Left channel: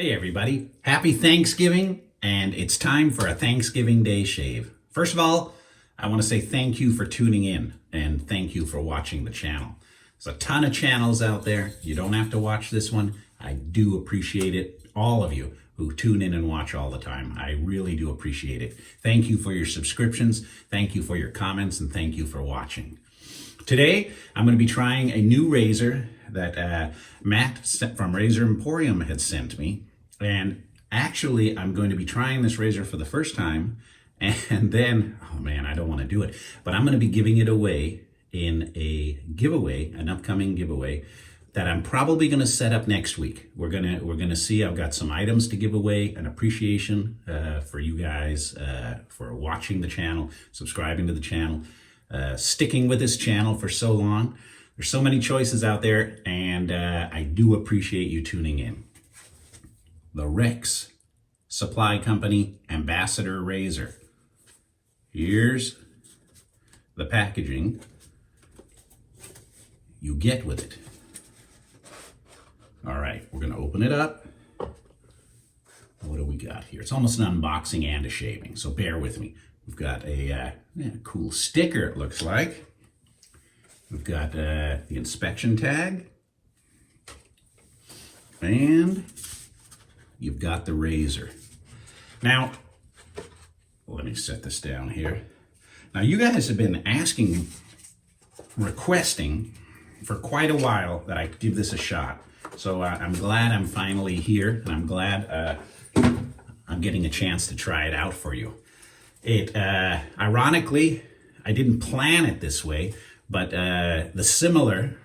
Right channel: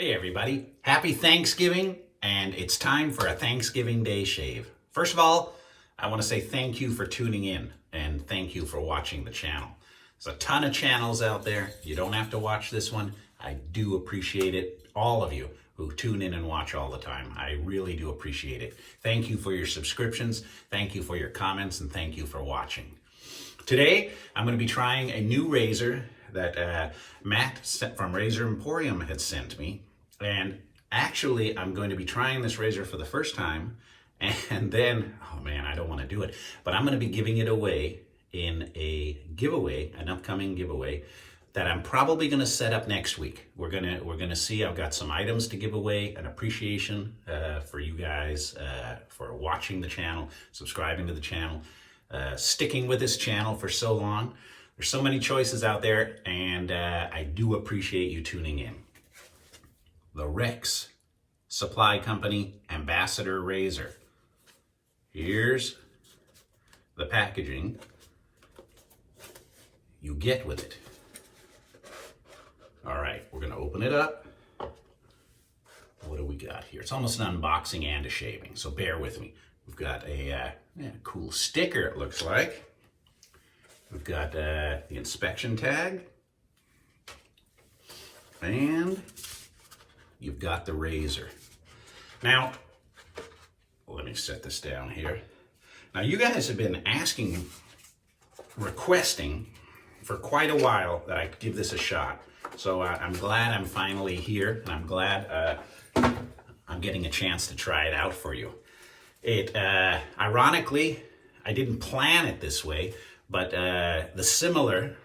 Hey everybody, happy Thanksgiving, and it's time for a Thanksgiving Day shave. First of all, I want to say thank you for tuning in and thank you for watching the channel. There's a ton of channels out there. You don't have to watch this one. I do appreciate it, all of you who tune in and watch all the time. I really do appreciate it. Thank you for your subscriptions, thank you for your comments, and thank you for watching. Today, I'm going to be trying a new razor that Matt from Razor Emporium had sent me. And actually, I'm going to be trying this razor for the first time. And then, oh man, I don't want to do it. But I'm going to be giving it away in a giveaway, an upcoming giveaway that I'm probably going to set up next week. We're gonna see. I've got some items to give away, an appreciation for you guys for watching the channel, subscribing to the channel. Sticking with this channel for so long. There's so many choices out there, and I do appreciate you tuning in. The Rex Supply Company Ambassador Razor. Here's the packaging you get with it. All right, we're gonna open it up. What do we got here? It's almost an unboxing and a shaving, so bear with me. We've got a cool sticker, it looks like. We've got the inspection tag. And you've got the razor. Now, let me set this down here. Now, you guys have been requesting for quite a while that I give this a shot. So I'm glad I'm finally here, and I'm glad I'm getting a chance to try it out for you. Ironically, I didn't plan it this way, but the similar,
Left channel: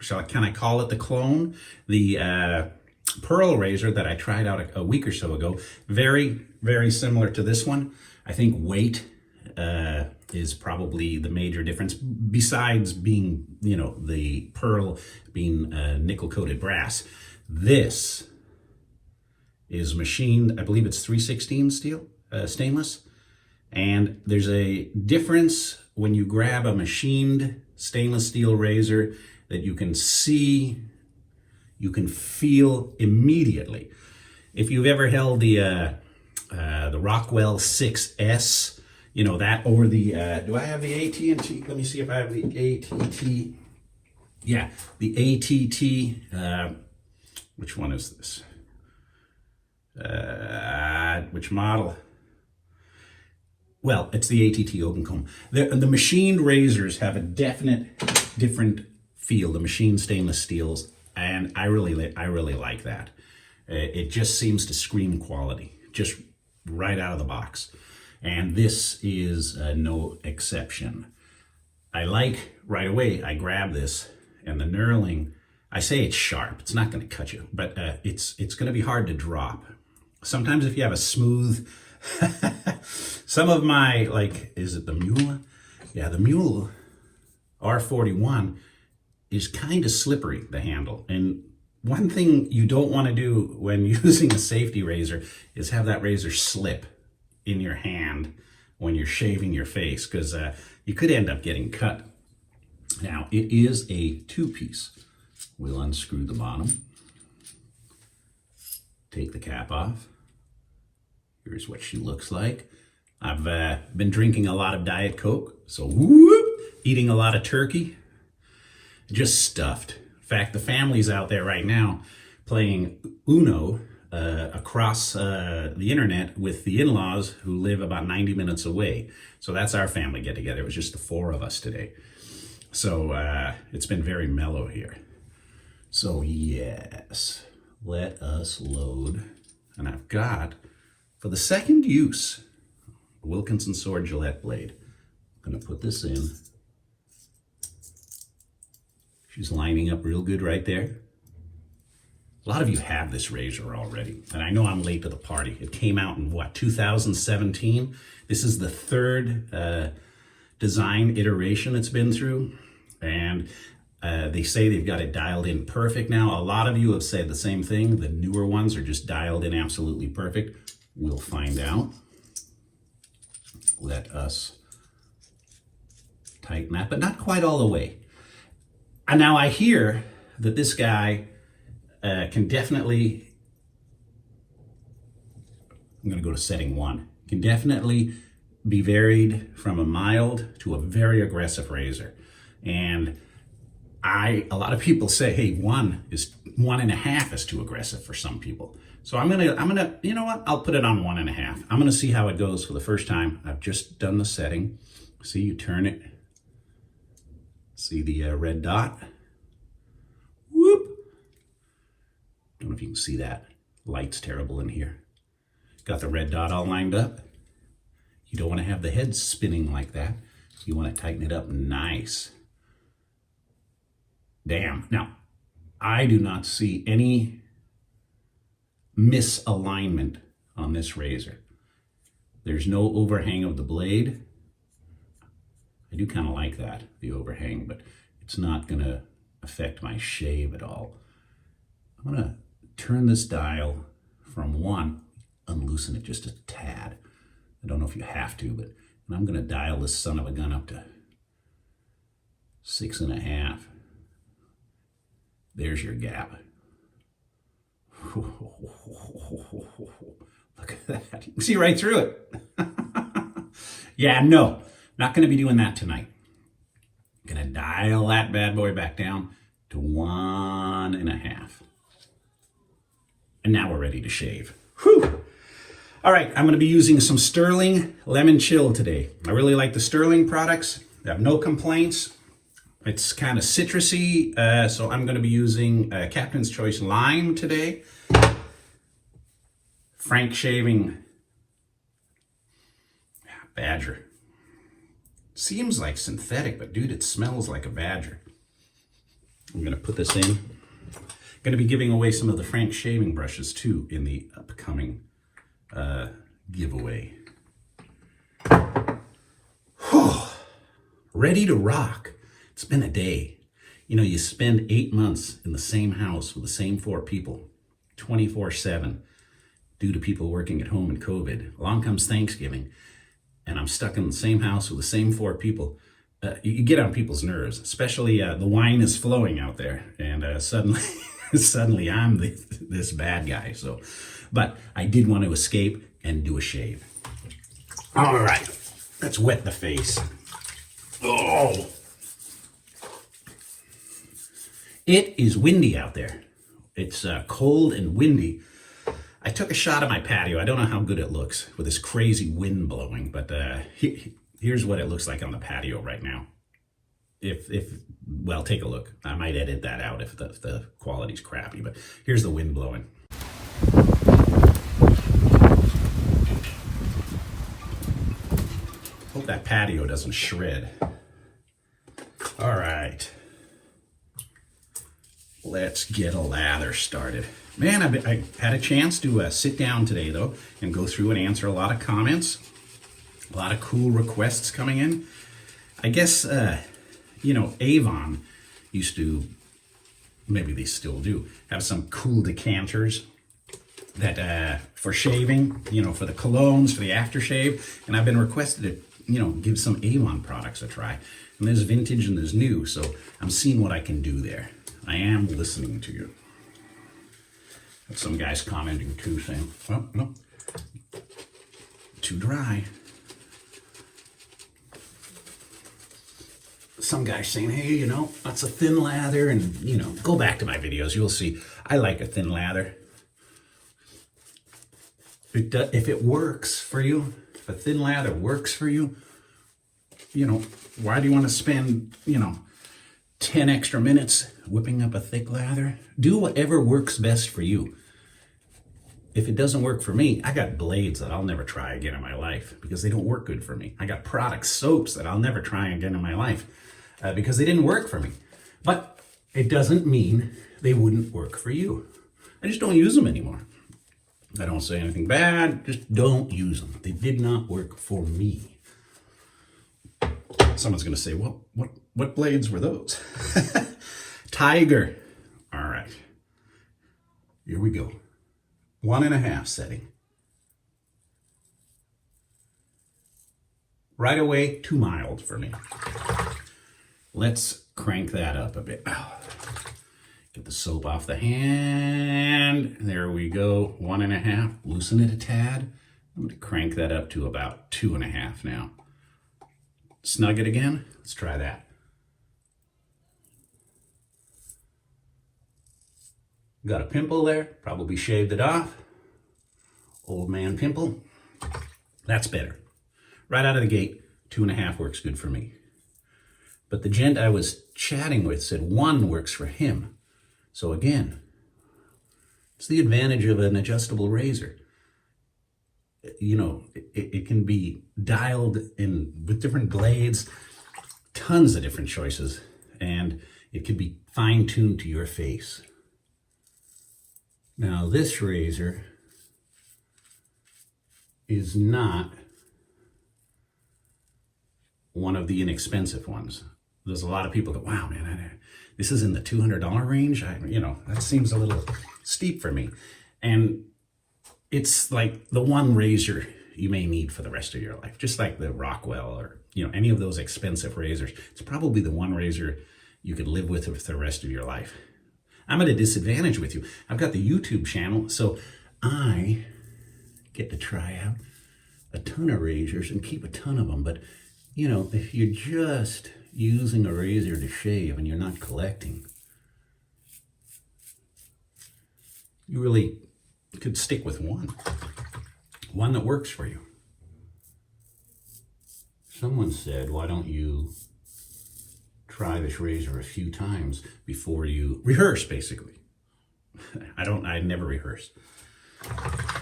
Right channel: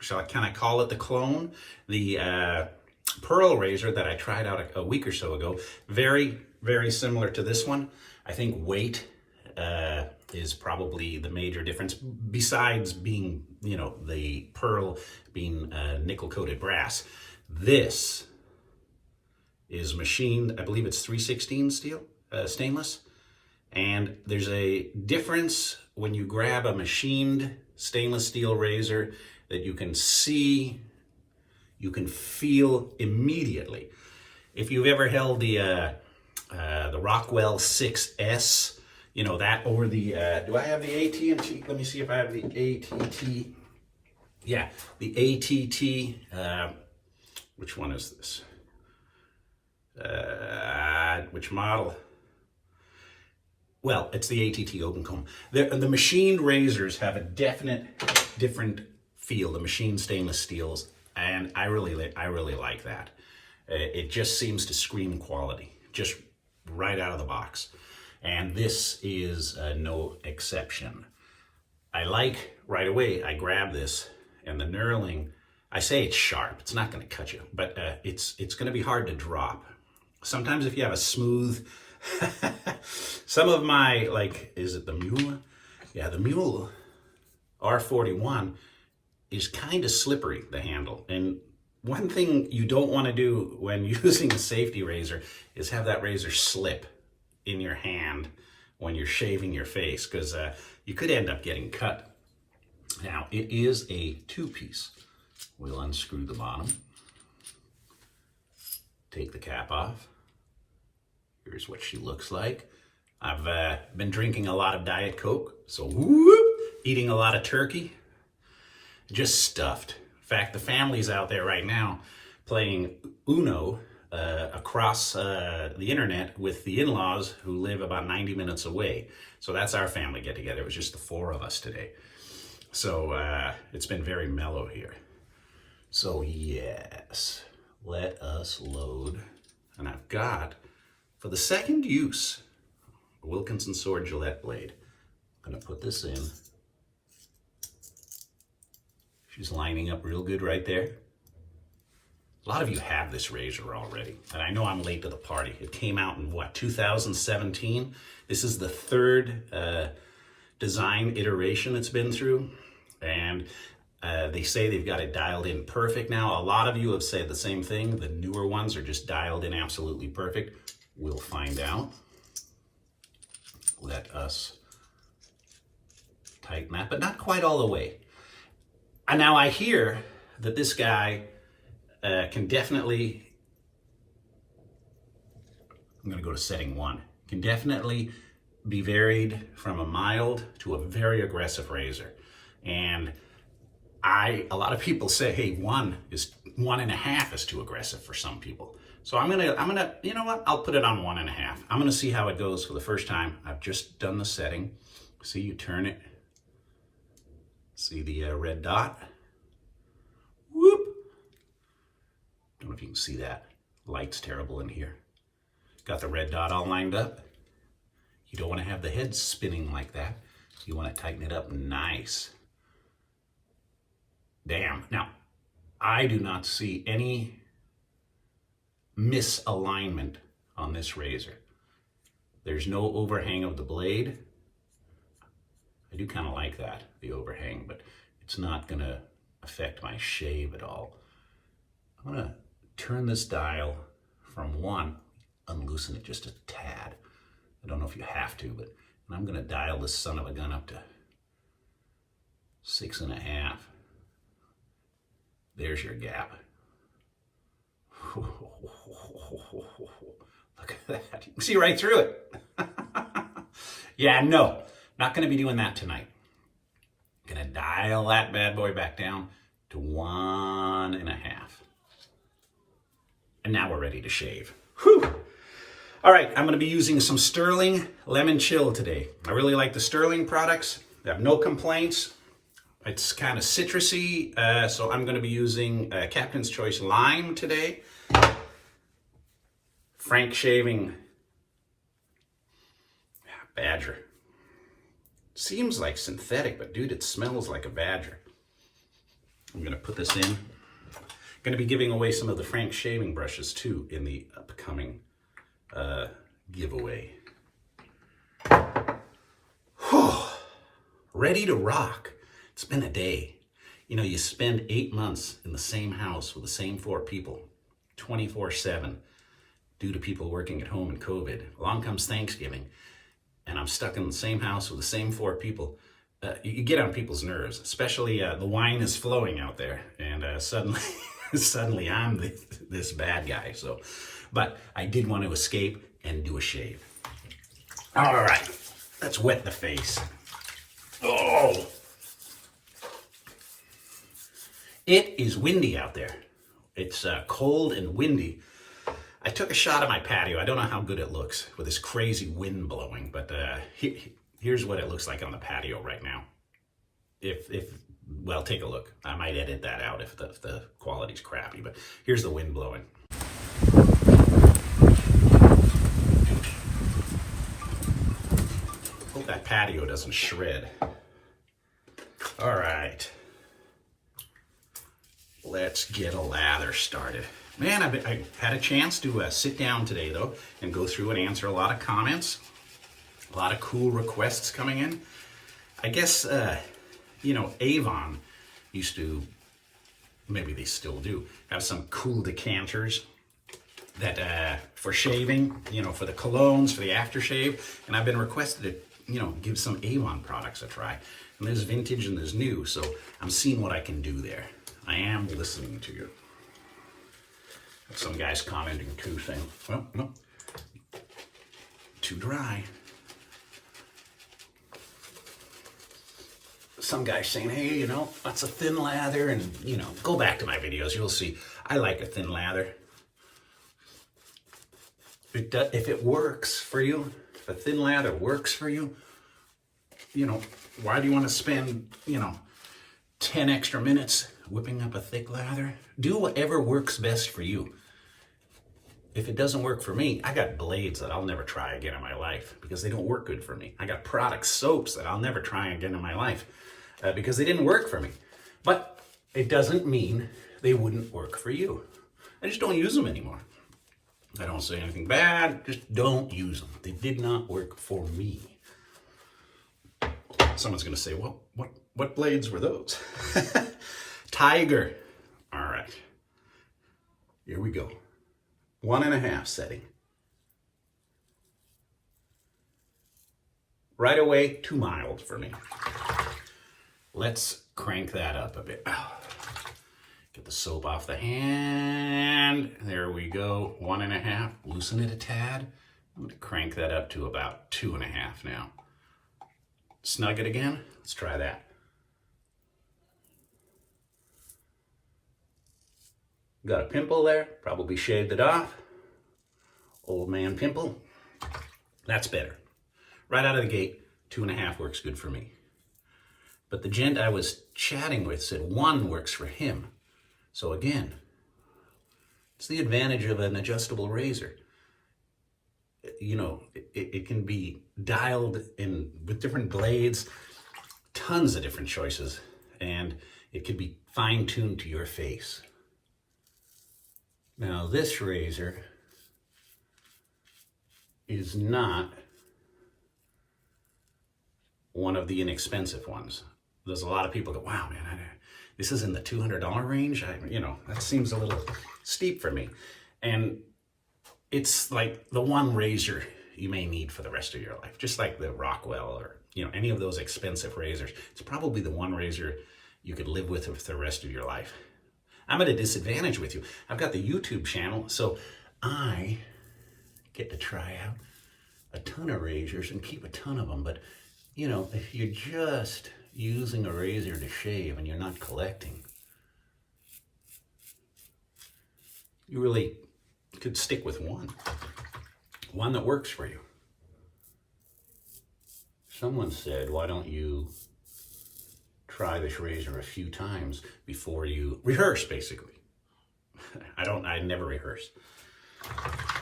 shall I kind of call it the clone, the Pearl razor that I tried out a week or so ago, very, very similar to this one. I think weight is probably the major difference, besides being, you know, the Pearl being nickel-coated brass. This is machined, I believe it's 316 steel, stainless. And there's a difference when you grab a machined stainless steel razor that you can see, you can feel immediately. If you've ever held the Rockwell 6S, you know, that, or the, do I have the AT&T? Let me see if I have the ATT. Yeah, the ATT, which one is this? Which model? Well, it's the ATT open comb. The machined razors have a definite different feel, the machined stainless steels, and I really like that. It just seems to scream quality, just right out of the box. And this is no exception. I like, right away, I grab this, and the knurling, I say it's sharp, it's not gonna cut you, but it's gonna be hard to drop. Sometimes if you have a smooth, some of my, like, is it the Mule? Yeah, the Mule R41 is kind of slippery, the handle. And one thing you don't want to do when using a safety razor is have that razor slip in your hand when you're shaving your face, because you could end up getting cut. Now, it is a two-piece. We'll unscrew the bottom, take the cap off. Here's what she looks like. I've been drinking a lot of Diet Coke, so whoop, eating a lot of turkey, just stuffed. In fact, the family's out there right now playing Uno across the internet with the in-laws who live about 90 minutes away. So that's our family get-together. It was just the four of us today. So it's been very mellow here. So yes, let us load. And I've got, for the second use, a Wilkinson Sword Gillette blade. I'm gonna put this in. She's lining up real good right there. A lot of you have this razor already, and I know I'm late to the party. It came out in what, 2017? This is the third design iteration it's been through, and they say they've got it dialed in perfect now. A lot of you have said the same thing. The newer ones are just dialed in absolutely perfect. We'll find out. Let us tighten that, but not quite all the way. And now I hear that this guy can definitely I'm gonna go to setting 1. Can definitely be varied from a mild to a very aggressive razor. And a lot of people say, hey, 1.5 is too aggressive for some people. So I'm gonna, you know what? I'll put it on 1.5. I'm gonna see how it goes for the first time. I've just done the setting. See, you turn it. See the red dot? Whoop. Don't know if you can see that. Light's terrible in here. Got the red dot all lined up. You don't want to have the head spinning like that. You want to tighten it up nice. Damn. Now, I do not see any misalignment on this razor. There's no overhang of the blade. I do kind of like that, the overhang, but it's not going to affect my shave at all. I'm going to turn this dial from 1, unloosen it just a tad. I don't know if you have to, but I'm going to dial this son of a gun up to 6.5. There's your gap. Look at that. You can see right through it. Yeah, no, not going to be doing that tonight. Going to dial that bad boy back down to 1.5. And now we're ready to shave. Whew. All right, I'm going to be using some Sterling Lemon Chill today. I really like the Sterling products. I have no complaints. It's kind of citrusy, so I'm going to be using Captain's Choice Lime today. Frank Shaving Badger. Seems like synthetic, but dude, it smells like a badger. I'm going to put this in. Going to be giving away some of the Frank Shaving brushes too in the upcoming giveaway. Whew. Ready to rock. It's been a day. You know, you spend 8 months in the same house with the same 4 people, 24/7, due to people working at home in COVID. Along comes Thanksgiving, and I'm stuck in the same house with the same 4 people. You get on people's nerves, especially the wine is flowing out there, and suddenly I'm this bad guy. So, but I did want to escape and do a shave. All right, let's wet the face. Oh, it is windy out there. It's cold and windy. I took a shot of my patio. I don't know how good it looks with this crazy wind blowing, but here's what it looks like on the patio right now. Well, take a look. I might edit that out if the quality's crappy, but here's the wind blowing. Hope that patio doesn't shred. All right. Let's get a lather started. Man, I had a chance to sit down today, though, and go through and answer a lot of comments. A lot of cool requests coming in. I guess, you know, Avon used to, maybe they still do, have some cool decanters that for shaving, you know, for the colognes, for the aftershave. And I've been requested to, you know, give some Avon products a try. And there's vintage and there's new, so I'm seeing what I can do there. I am listening to you. Some guys commenting too, saying, oh, no, too dry. Some guys saying, hey, you know, that's a thin lather, and, you know, go back to my videos, you'll see. I like a thin lather. If it works for you, if a thin lather works for you, you know, why do you want to spend, you know, 10 extra minutes whipping up a thick lather? Do whatever works best for you. If it doesn't work for me, I got blades that I'll never try again in my life because they don't work good for me. I got product soaps that I'll never try again in my life because they didn't work for me. But it doesn't mean they wouldn't work for you. I just don't use them anymore. I don't say anything bad, just don't use them. They did not work for me. Someone's gonna say, well, what blades were those? Tiger. All right, here we go. 1.5 setting. Right away, too mild for me. Let's crank that up a bit. Get the soap off the hand. There we go. 1.5. Loosen it a tad. I'm going to crank that up to about 2.5 now. Snug it again. Let's try that. Got a pimple there, probably shaved it off. Old man pimple. That's better. Right out of the gate, 2.5 works good for me. But the gent I was chatting with said 1 works for him. So again, it's the advantage of an adjustable razor. You know, it can be dialed in with different blades, tons of different choices, and it can be fine-tuned to your face. Now this razor is not one of the inexpensive ones. There's a lot of people go, wow, man, this is in the $200 range. You know, that seems a little steep for me. And it's like the one razor you may need for the rest of your life, just like the Rockwell or, you know, any of those expensive razors. It's probably the one razor you could live with for the rest of your life. I'm at a disadvantage with you. I've got the YouTube channel, so I get to try out a ton of razors and keep a ton of them. But, you know, if you're just using a razor to shave and you're not collecting, you really could stick with one that works for you. Someone said, why don't you try this razor a few times before you rehearse, basically. I never rehearse.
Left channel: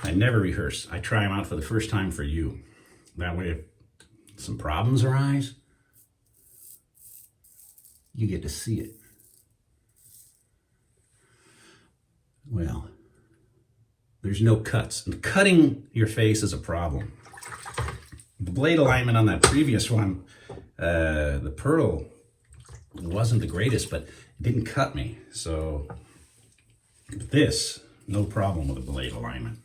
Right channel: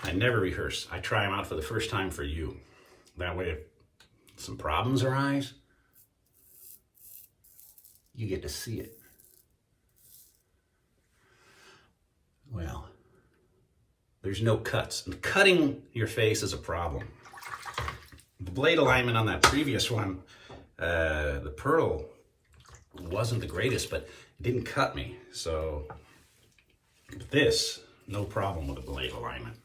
I never rehearse. I try them out for the first time for you. That way, if some problems arise, you get to see it. Well, there's no cuts. And cutting your face is a problem. The blade alignment on that previous one, the pearl wasn't the greatest, but it didn't cut me. So this, no problem with the blade alignment.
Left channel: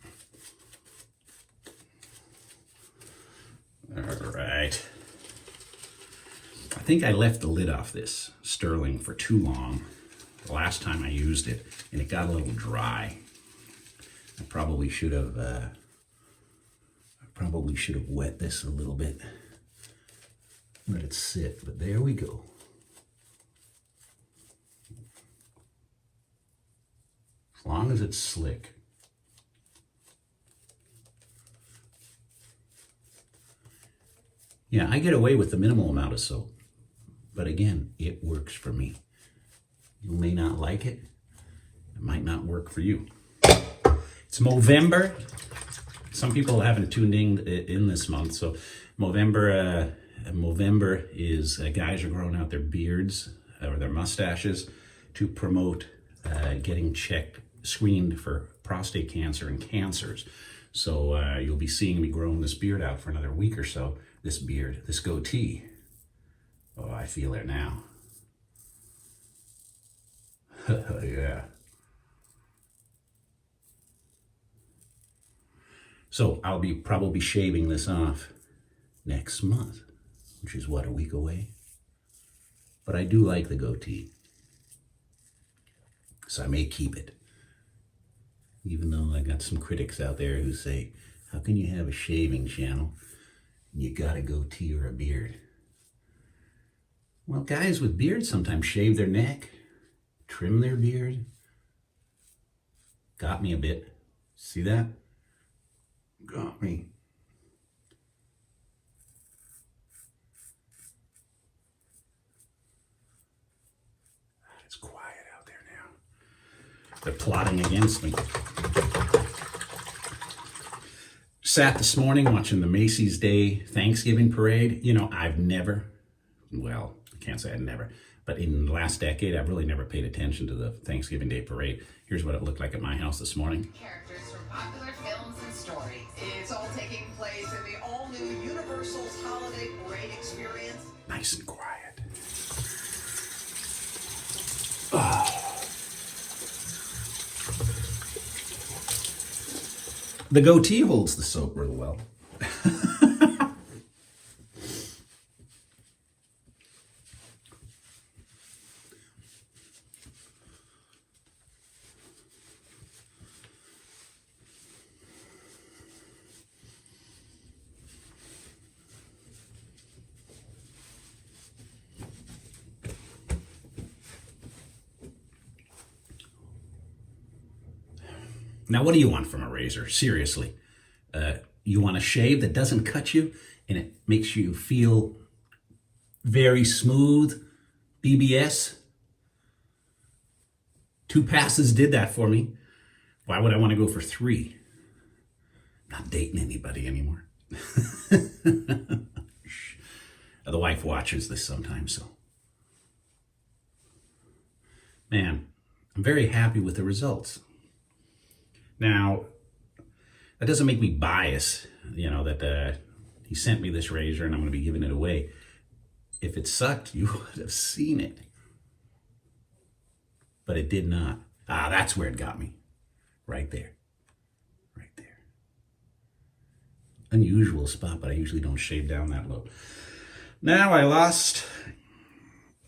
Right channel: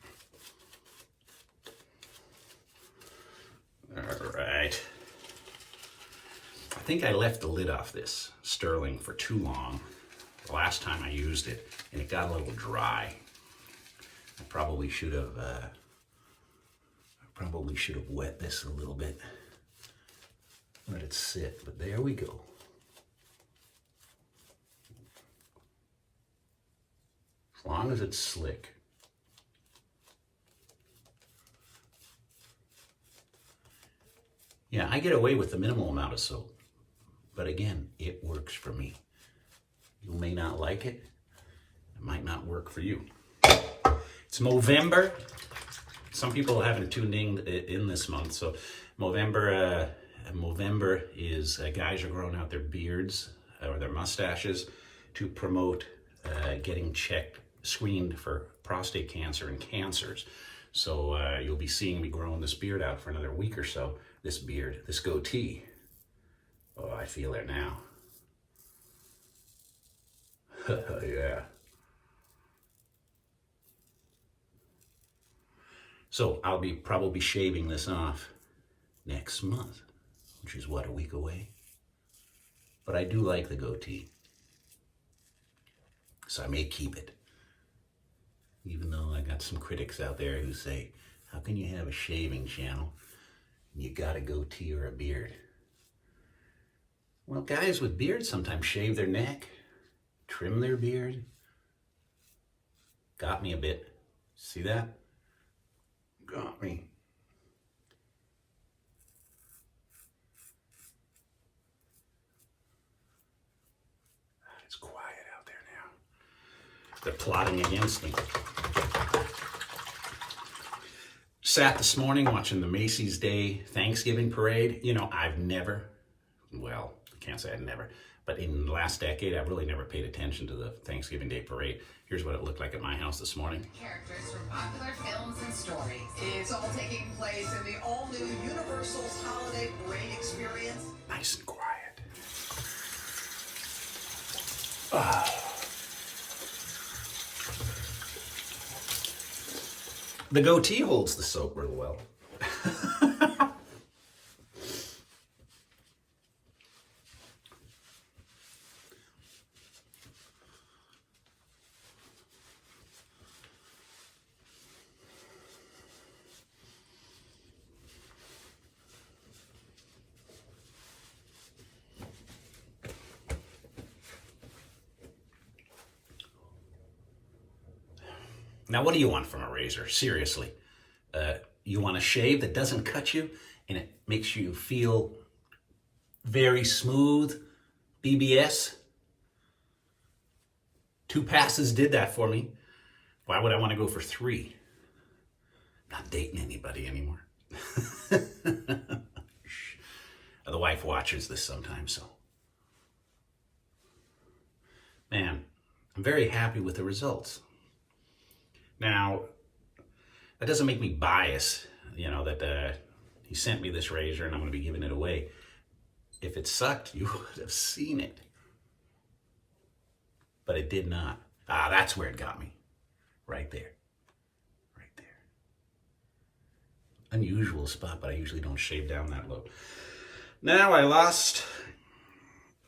All right. I think I left the lid off this sterling for too long the last time I used it, and it got a little dry. I probably should have wet this a little bit. Let it sit, but there we go. As long as it's slick. Yeah, I get away with the minimal amount of soap, but again, it works for me. You may not like it. It might not work for you. It's Movember. Some people haven't tuned in this month, so Movember is guys are growing out their beards or their mustaches to promote getting screened for prostate cancer and cancers. So you'll be seeing me growing this beard out for another week or so. This beard, this goatee. Oh, I feel it now. Yeah. So I'll be probably shaving this off next month, which is what, a week away? But I do like the goatee, so I may keep it. Even though I got some critics out there who say, how can you have a shaving channel and you got a goatee or a beard? Well, guys with beards sometimes shave their neck, trim their beard. Got me a bit. See that? Got me. It's quiet out there now. They're plotting against me. Sat this morning watching the Macy's Day Thanksgiving Parade. You know, I've never, well, I can't say I've never, but in the last decade, I've really never paid attention to the Thanksgiving Day Parade. Here's what it looked like at my house this morning. Characters from popular films and stories. It's all taking place in the all-new Universal's Holiday Parade experience. Nice and quiet. Oh. The goatee holds the soap real well. Now, what do you want from a razor? Seriously. You want a shave that doesn't cut you and it makes you feel very smooth, BBS? 2 passes did that for me. Why would I want to go for 3? Not dating anybody anymore. The wife watches this sometimes, so. Man, I'm very happy with the results. Now, that doesn't make me biased, you know, that he sent me this razor and I'm going to be giving it away. If it sucked, you would have seen it. But it did not. Ah, that's where it got me. Right there. Right there. Unusual spot, but I usually don't shave down that low. Now I lost...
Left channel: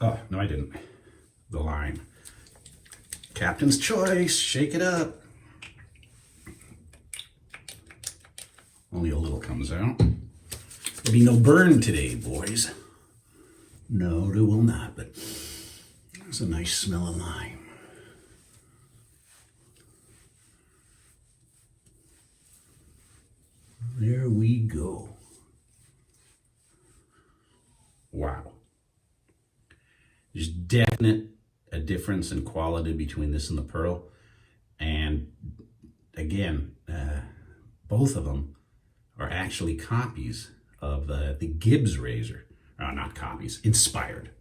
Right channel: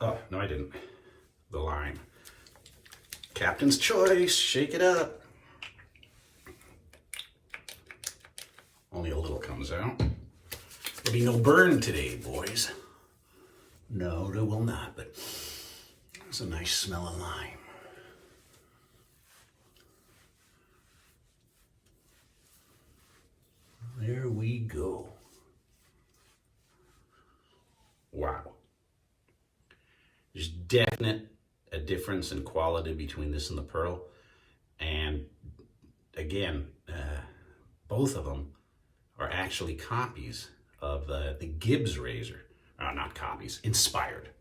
Oh, no, I didn't. The line. Captain's choice. Shake it up. Only a little comes out. There'll be no burn today, boys. No, there will not, but it's a nice smell of lime. There we go. Wow. There's definite a difference in quality between this and the Pearl. And again, both of them are actually copies of the Gibbs razor. Not copies, inspired.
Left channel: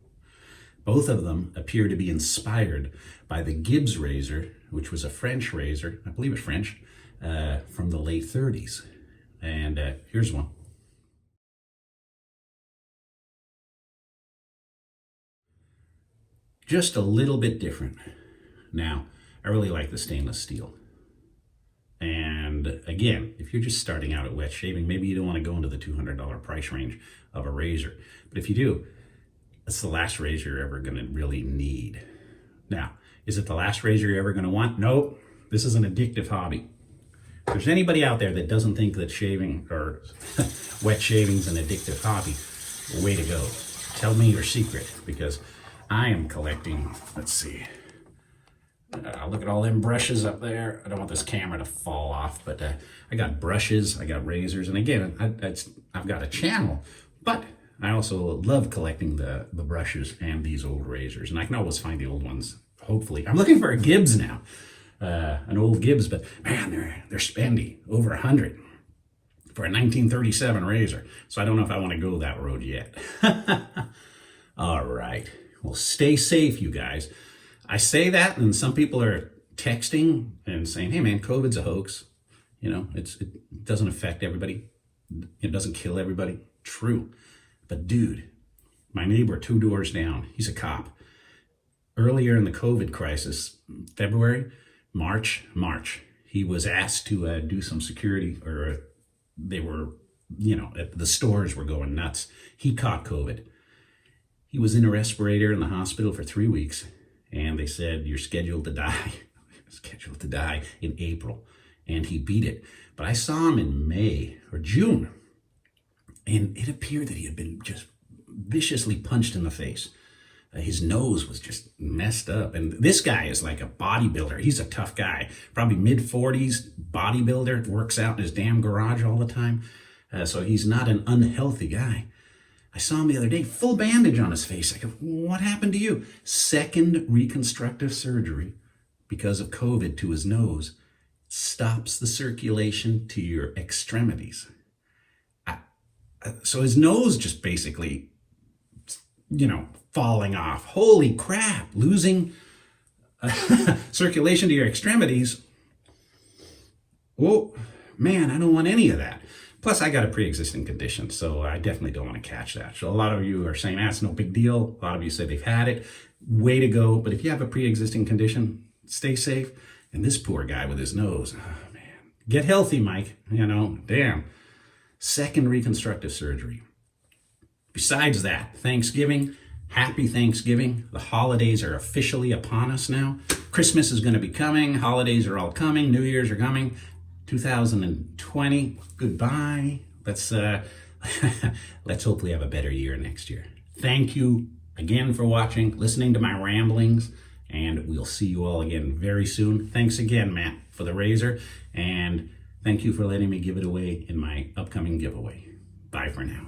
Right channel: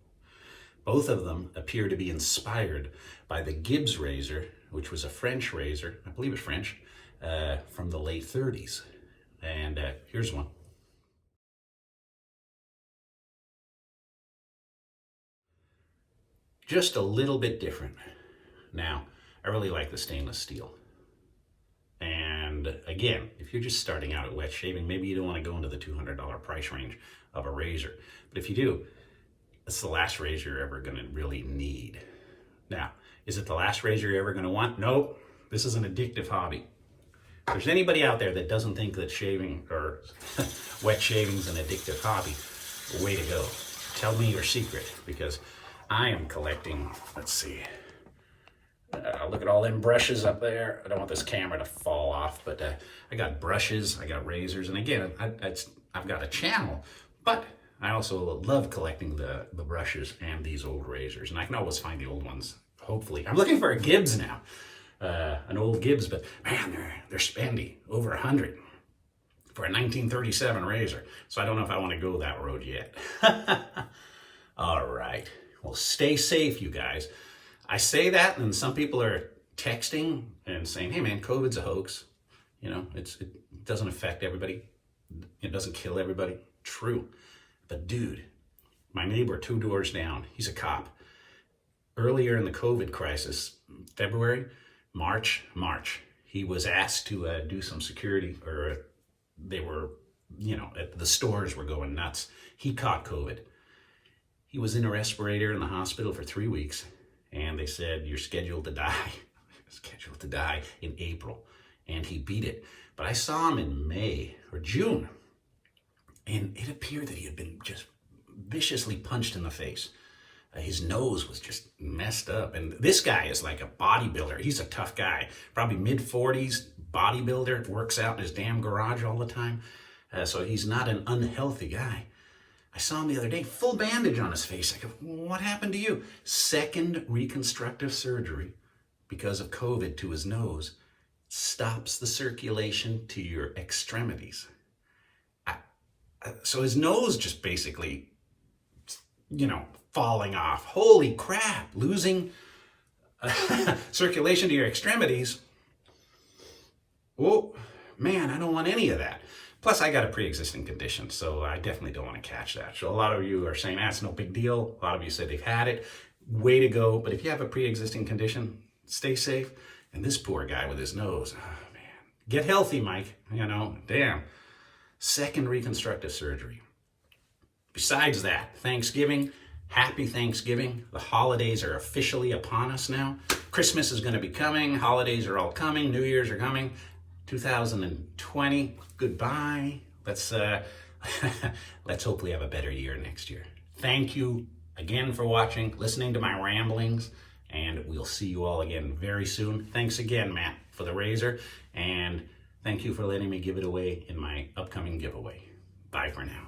Both of them appear to be inspired by the Gibbs razor, which was a French razor, I believe it's French, from the late 30s. And here's one. Just a little bit different. Now, I really like the stainless steel. And again, if you're just starting out at wet shaving, maybe you don't want to go into the $200 price range of a razor. But if you do, it's the last razor you're ever going to really need. Now, is it the last razor you're ever going to want? Nope. This is an addictive hobby. If there's anybody out there that doesn't think that shaving or wet shaving is an addictive hobby, way to go. Tell me your secret, because I am collecting, let's see, look at all them brushes up there. I don't want this camera to fall off, but I got brushes, I got razors, and again, I've got a channel, but I also love collecting the brushes and these old razors, and I can always find the old ones, hopefully. I'm looking for a Gibbs now, an old Gibbs, but man, they're spendy, over 100 for a 1937 razor, so I don't know if I want to go that road yet. All right. Well, stay safe, you guys. I say that, and some people are texting and saying, hey, man, COVID's a hoax. You know, it doesn't affect everybody. It doesn't kill everybody. True. But, dude, my neighbor 2 doors down, he's a cop. Earlier in the COVID crisis, February, March, he was asked to do some security, or they were, you know, the stores were going nuts. He caught COVID. He was in a respirator in the hospital for 3 weeks, and they said, you're scheduled to die. Scheduled to die in April, and he beat it. But I saw him in May or June, and it appeared that he had been just viciously punched in the face. His nose was just messed up, and this guy is like a bodybuilder. He's a tough guy, probably mid-40s, bodybuilder, works out in his damn garage all the time, so he's not an unhealthy guy. I saw him the other day, full bandage on his face. I go, what happened to you? Second reconstructive surgery because of COVID to his nose. Stops the circulation to your extremities. So his nose just basically, you know, falling off. Holy crap, losing circulation to your extremities. Oh, man, I don't want any of that. Plus, I got a pre-existing condition, so I definitely don't want to catch that. So a lot of you are saying, that's no big deal. A lot of you say they've had it. Way to go. But if you have a pre-existing condition, stay safe. And this poor guy with his nose, oh, man. Get healthy, Mike. You know, damn. Second reconstructive surgery. Besides that, Thanksgiving, happy Thanksgiving. The holidays are officially upon us now. Christmas is going to be coming. Holidays are all coming. New Year's are coming. 2020, goodbye. Let's hopefully have a better year next year. Thank you again for watching, listening to my ramblings, and we'll see you all again very soon. Thanks again, Matt, for for the razor, and thank you for letting me give it away in my upcoming giveaway. Bye for now.